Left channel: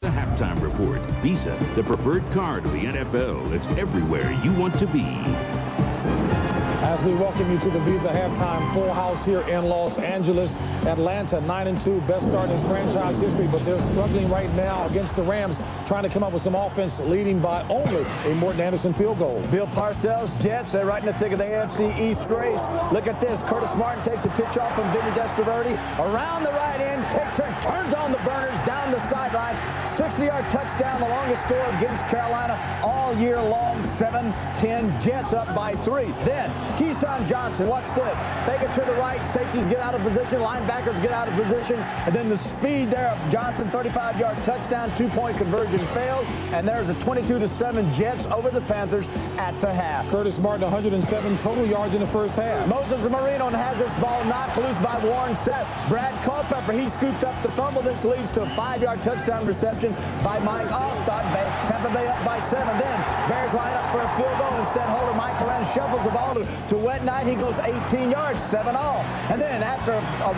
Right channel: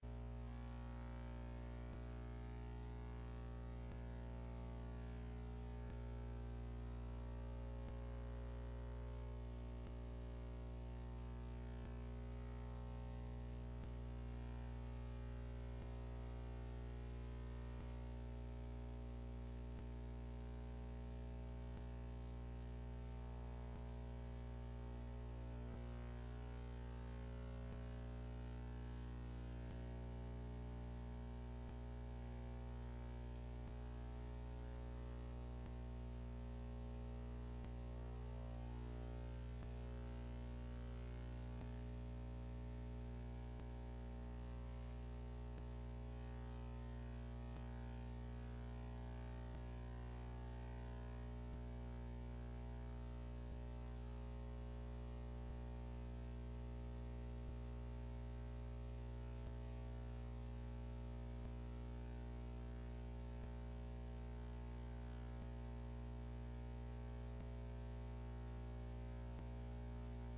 The halftime report. Visa, the preferred card of the NFL. It's everywhere you want to be. As we welcome you to the Visa halftime full house here in Los Angeles. Atlanta 9-2, best start in franchise history, but they're struggling right now against the Rams, trying to come up with some offense, leading by only a Morton Anderson field goal. Bill Parcells, Jets, they're right in the thick of the AFC East race. Look at this. Curtis Martin takes a pitch off from Vinny Testaverde. Around the right end, turns on the burners, down the sideline. 60-yard touchdown, the longest score against Carolina all year long. 7-10, Jets up by 3. Then Keyshawn Johnson, watch this. Take it to the right, safeties get out of position, linebackers get out of position, and then the speed there of Johnson, 35-yard touchdown, 2-point conversion failed, and there's a 22-7 Jets over the Panthers at the half. Curtis Martin, 107 total yards in the first half. Moses Marino has this ball knocked loose by Warren Sapp. Brad Culpepper, he scoops up the fumble. This leads to a 5-yard touchdown reception by Mike Allstott. Tampa Bay up by 7. Then Bears line up for a field goal. Instead, holder Mike Coran shovels the ball to Wet Knight. He goes 18 yards, 7-all. And then after a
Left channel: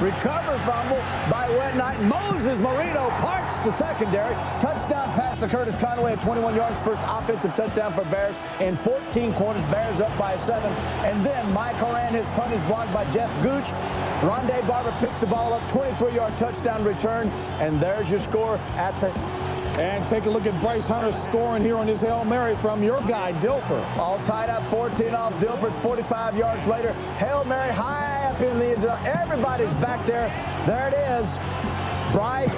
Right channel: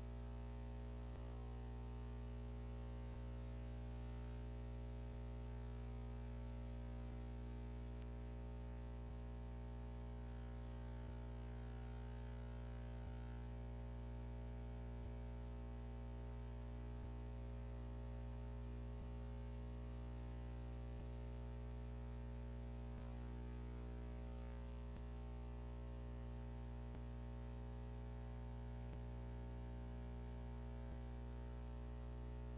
recover fumble by Wet Knight, Moses Marino parts the secondary. Touchdown pass to Curtis Conway at 21 yards. First offensive touchdown for Bears in 14 quarters. Bears up by 7. And then Mike Coran, his punt is blocked by Jeff Gooch. Rondé Barber picks the ball up, 23-yard touchdown return, and there's your score at the... And take a look at Bryce Hunter scoring here on his Hail Mary from your guy, Dilfer. All tied up, 14 off Dilfer, 45 yards later. Hail Mary high up in the end zone. Everybody's back there. There it is. Bryce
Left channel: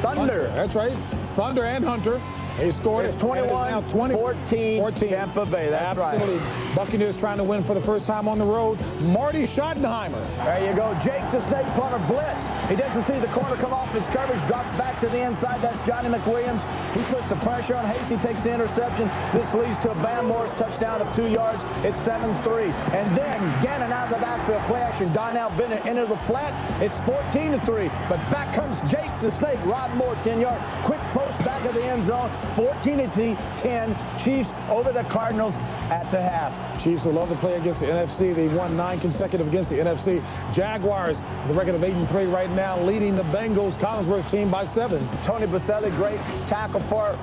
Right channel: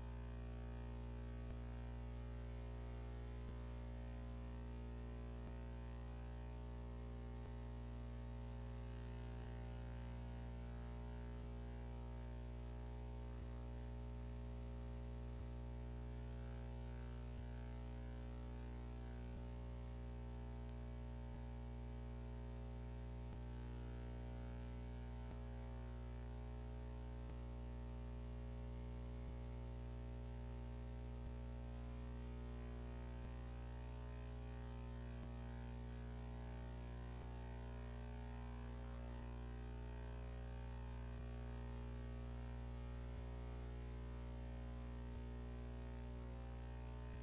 Thunder. That's right. Thunder and Hunter. They scored it. 21-14 Tampa Bay. That's absolutely right. Buccaneers trying to win for the first time on the road. Marty Schottenheimer. There you go. Jake the Snake Plummer blitz. He doesn't see the corner come off his coverage. Drops back to the inside. That's Johnny McWilliams. He puts the pressure on Hasty, takes the interception. This leads to a Van Morris touchdown of 2 yards. It's 7-3. And then Gannon out of the backfield play action. Donnell Bennett into the flat. It's 14-3. But back comes Jake the Snake. Rod Moore, 10-yard. Quick post back of the end zone. 14-10. Chiefs over the Cardinals at the half. Chiefs will love to play against the NFC. They've won 9 consecutive against the NFC. Jaguars, the record of 8-3 right now, leading the Bengals Collinsworth team by 7. Tony Baselli, great tackle for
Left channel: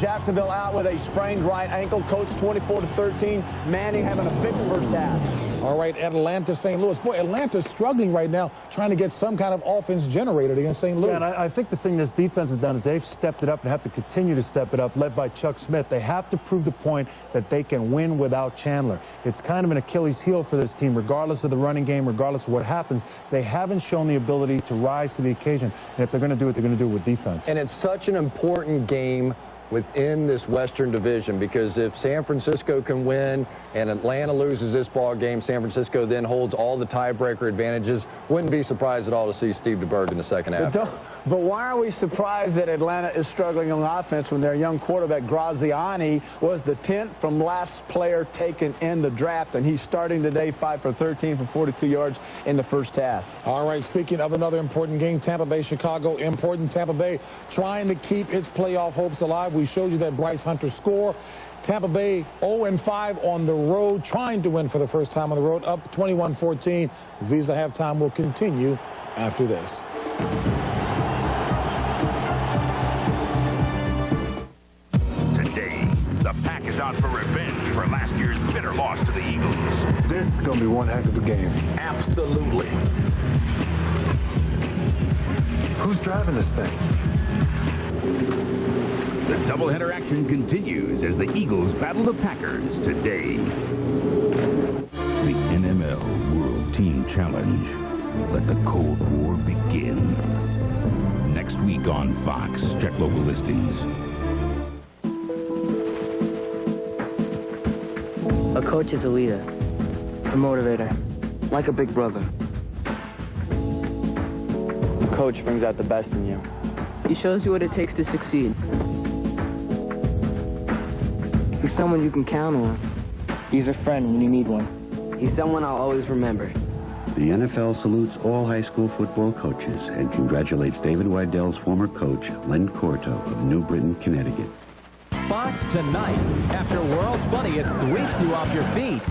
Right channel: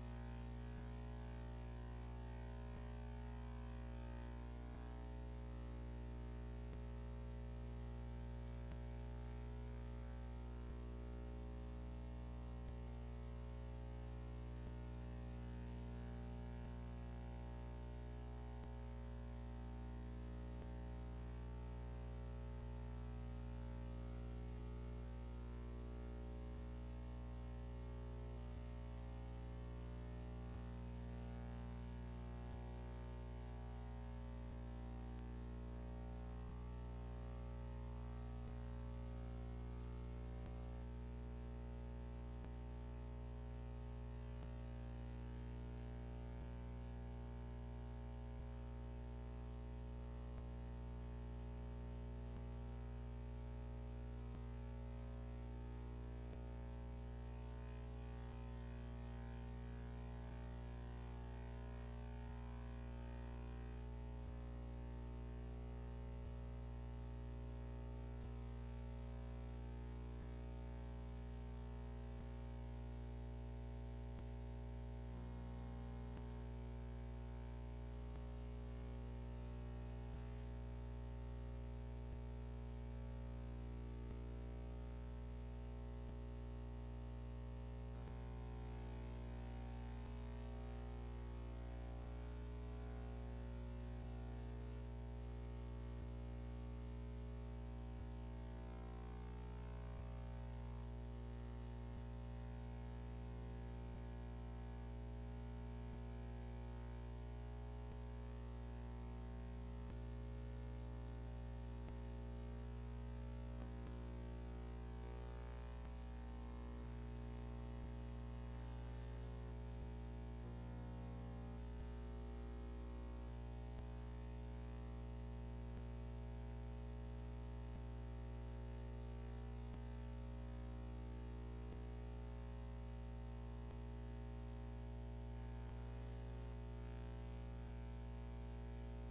Jacksonville, out with a sprained right ankle. Coach 24-13. Manning having a big first half. All right, Atlanta, St. Louis. Boy, Atlanta's struggling right now, trying to get some kind of offense generated against St. Louis. Yeah, and I think the thing this defense has done is they've stepped it up and have to continue to step it up, led by Chuck Smith. They have to prove the point that they can win without Chandler. It's kind of an Achilles heel for this team, regardless of the running game, regardless of what happens. They haven't shown the ability to rise to the occasion. And if they're going to do it, they're going to do it with defense. And it's such an important game within this Western Division, because if San Francisco can win and Atlanta loses this ball game, San Francisco then holds all the tiebreaker advantages. Wouldn't be surprised at all to see Steve DeBerg in the second half. But why are we surprised that Atlanta is struggling on offense when their young quarterback Graziani was the 10th from last player taken in the draft, and he's starting today 5 for 13 for 42 yards in the first half. All right, speaking of another important game, Tampa Bay, Chicago, important. Tampa Bay trying to keep its playoff hopes alive. We showed you that Bryce Hunter score. Tampa Bay 0-5 on the road, trying to win for the first time on the road, up 21-14. Visa halftime will continue after this. Today, the Pack is out for revenge for last year's bitter loss to the Eagles. This is going to be one heck of a game. Absolutely. Who's driving this thing? The doubleheader action continues as the Eagles battle the Packers today. The NML World Team Challenge. Let the Cold War begin. Next week on Fox. Check local listings. A coach is a leader, a motivator, like a big brother. A coach brings out the best in you. He shows you what it takes to succeed. He's someone you can count on. He's a friend when you need one. He's someone I'll always remember. The NFL salutes all high school football coaches and congratulates David Weidell's former coach, Len Corto of New Britain, Connecticut. Fox tonight, after World's Funniest sweeps you off your feet.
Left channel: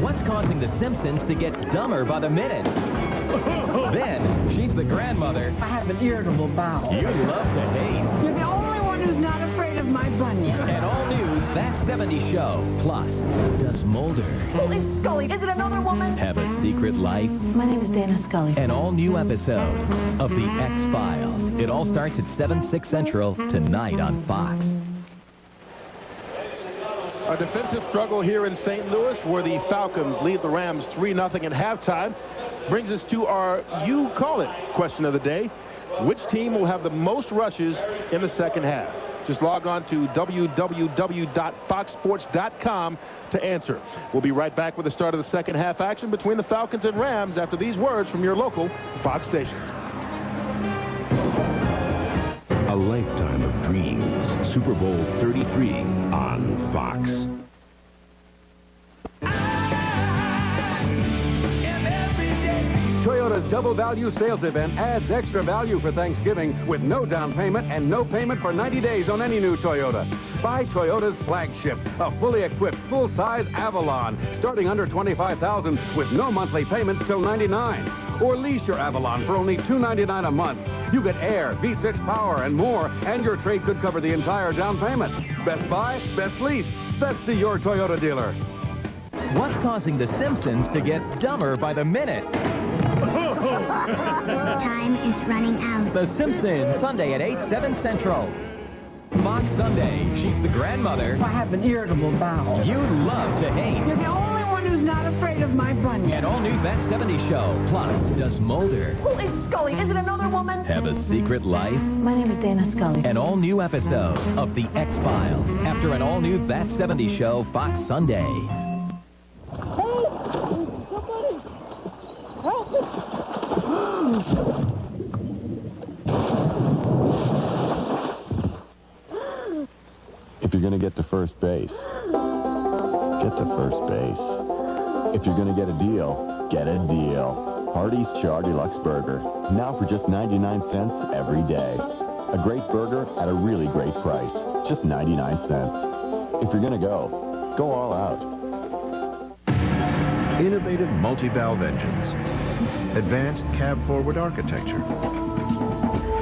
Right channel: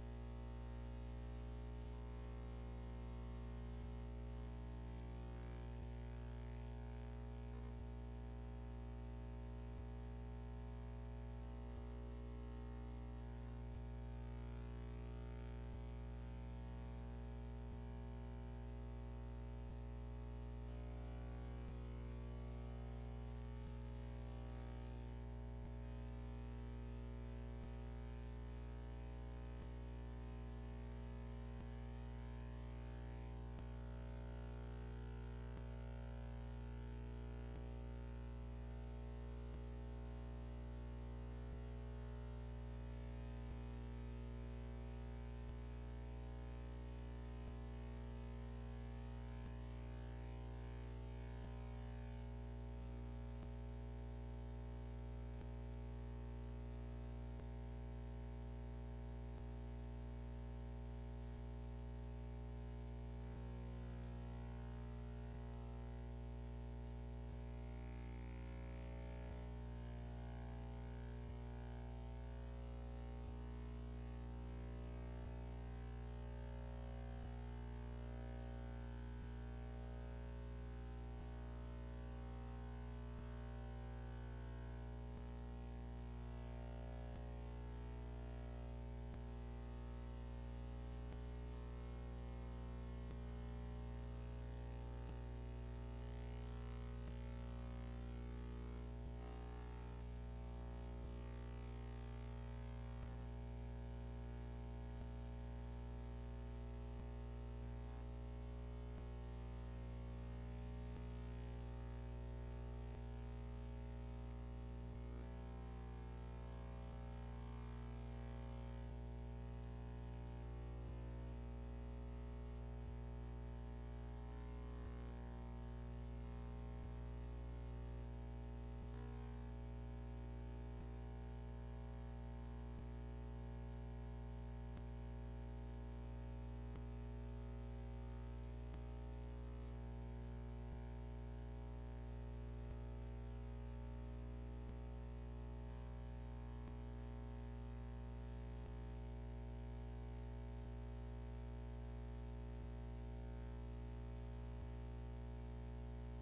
What's causing The Simpsons to get dumber by the minute? Then, she's the grandmother I have an irritable bowel. you love to hate. You're the only one who's not afraid of my bunion. And all new That 70s Show. Plus, does Mulder Who is Scully? Is it another woman? have a secret life? My name is Dana Scully. An all-new episode of The X-Files. It all starts at 7/6 Central tonight on Fox. A defensive struggle here in St. Louis where the Falcons lead the Rams 3-0 at halftime. Brings us to our you call it question of the day. Which team will have the most rushes in the second half? Just log on to www.foxsports.com to answer. We'll be right back with the start of the second half action between the Falcons and Rams after these words from your local Fox station. A lifetime of dreams. Super Bowl 33 on Fox. Toyota's Double Value Sales Event adds extra value for Thanksgiving with no down payment and no payment for 90 days on any new Toyota. Buy Toyota's flagship, a fully equipped, full-size Avalon, starting under $25,000 with no monthly payments till $99. Or lease your Avalon for only $299 a month. You get air, V6 power, and more, and your trade could cover the entire down payment. Best buy, best lease. Let's see your Toyota dealer. What's causing the Simpsons to get dumber by the minute? Time is running out. The Simpsons, Sunday at 8/7 Central. Fox Sunday, she's the grandmother I have an irritable bowel. you love to hate. You're the only one who's not afraid of my bunion. And all new That 70s Show. Plus, does Mulder Who is Scully? Is it another woman? have a secret life? My name is Dana Scully. An all-new episode of The X-Files after an all-new That 70s Show Fox Sunday. If you're going to get to first base, get to first base. If you're going to get a deal, get a deal. Hardee's Char Deluxe Burger. Now for just 99 cents every day. A great burger at a really great price. Just 99 cents. If you're going to go all out. Innovative multi-valve engines. Advanced cab-forward architecture.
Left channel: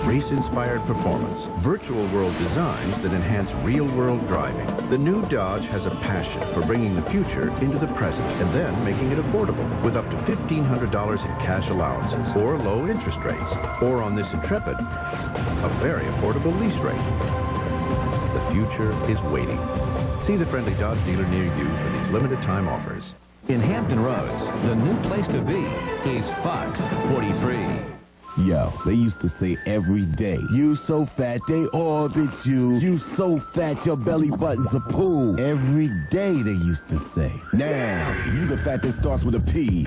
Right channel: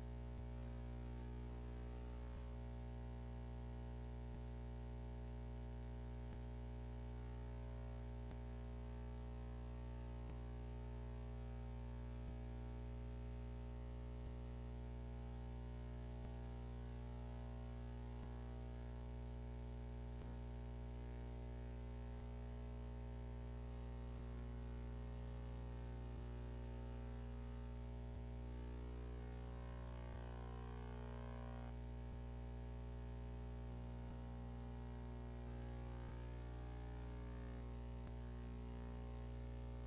Race-inspired performance. Virtual world designs that enhance real-world driving. The new Dodge has a passion for bringing the future into the present and then making it affordable with up to $1,500 in cash allowances or low interest rates. Or on this Intrepid, a very affordable lease rate. The future is waiting. See the friendly Dodge dealer near you for these limited time offers. In Hampton Roads, the new place to be is Fox 43. Yo, they used to say every day, you so fat they orbit you. You so fat your belly button's a pool. Every day they used to say. Now, you the fat that starts with a P.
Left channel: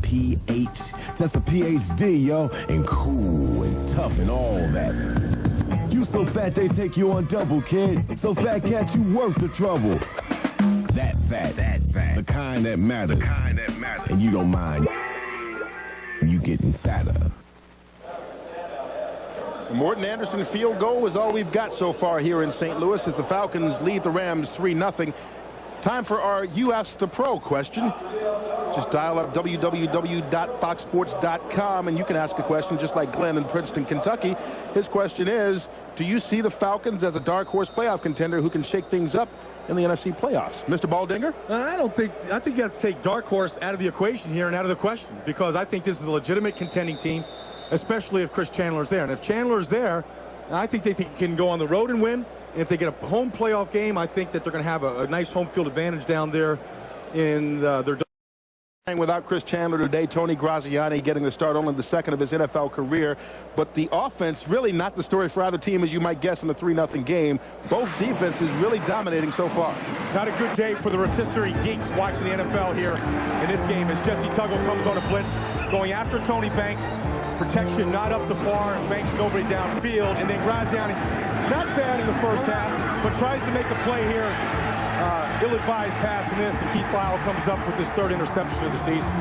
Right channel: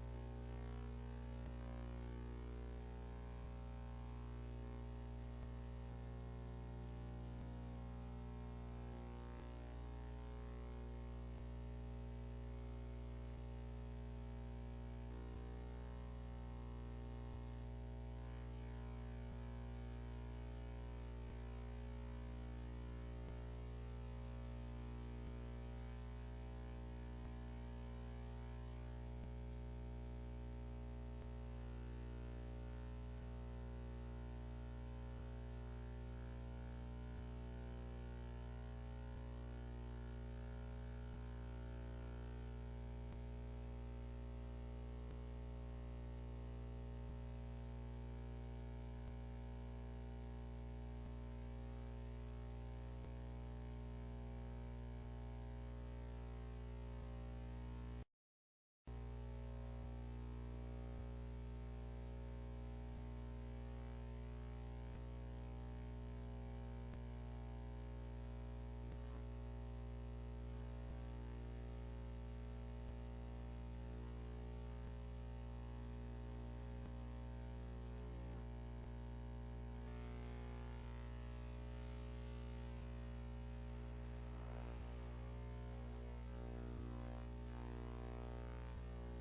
P-H. That's a PhD, yo. And cool and tough and all that. You so fat they take you on double, kid. So fat cat you worth the trouble. That fat. The kind that matters. And you don't mind you getting fatter. Morton Anderson field goal is all we've got so far here in St. Louis as the Falcons lead the Rams 3-0. Time for our You Ask the Pro question. Just dial up www.foxsports.com and you can ask a question just like Glenn in Princeton, Kentucky. His question is, do you see the Falcons as a dark horse playoff contender who can shake things up in the NFC playoffs? Mr. Baldinger? I think you have to take dark horse out of the equation here and out of the question, because I think this is a legitimate contending team, especially if Chris Chandler's there. And if Chandler's there, I think they can go on the road and win. And if they get a home playoff game, I think that they're going to have a nice home field advantage down there in their... Without Chris Chandler today, Tony Graziani getting the start, only the second of his NFL career. But the offense, really not the story for either team, as you might guess, in the 3-0 game. Both defenses really dominating so far. Not a good day for the rotisserie geeks watching the NFL here in this game as Jesse Tuggle comes on a blitz, going after Tony Banks. Protection not up the par, and Banks nobody downfield. And then Graziani, not bad in the first half, but tries to make a play here. Ill-advised pass in this, and Keith Lyle comes up with his third interception of the season.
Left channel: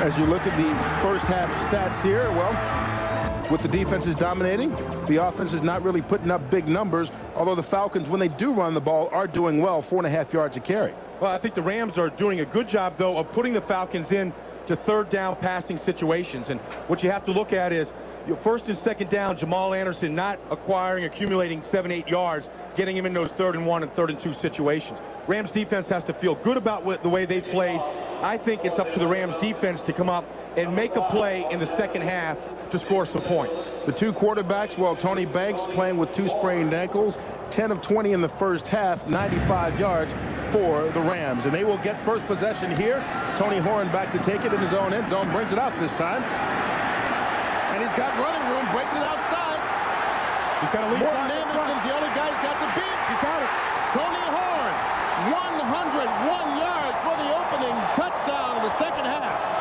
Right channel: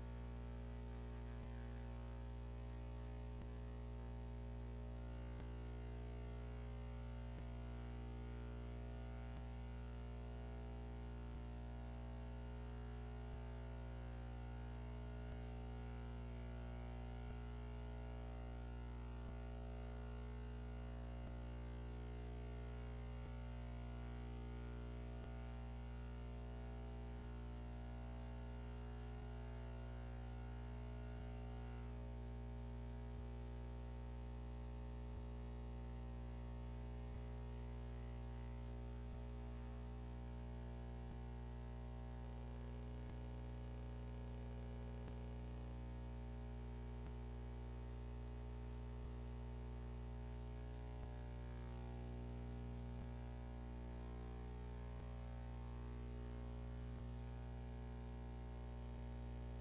As you look at the first half stats here, well, with the defenses dominating. The offense is not really putting up big numbers, although the Falcons, when they do run the ball, are doing well, 4.5 yards a carry. Well, I think the Rams are doing a good job, though, of putting the Falcons in to third down passing situations. And what you have to look at is your first and second down, Jamal Anderson not accumulating 7-8 yards, getting him in those 3rd and 1 and 3rd and 2 situations. Rams defense has to feel good about the way they played. I think it's up to the Rams defense to come up and make a play in the second half to score some points. The two quarterbacks, well, Tony Banks playing with 2 sprained ankles, 10 of 20 in the first half, 95 yards for the Rams. And they will get first possession here. Tony Horn back to take it in his own end zone, brings it out this time. And he's got running room, breaks it outside. He's got to lead. Morton Anderson's the only guy who's got the beat. He's got it. Tony Horn, 101 yards for the opening touchdown of the second half.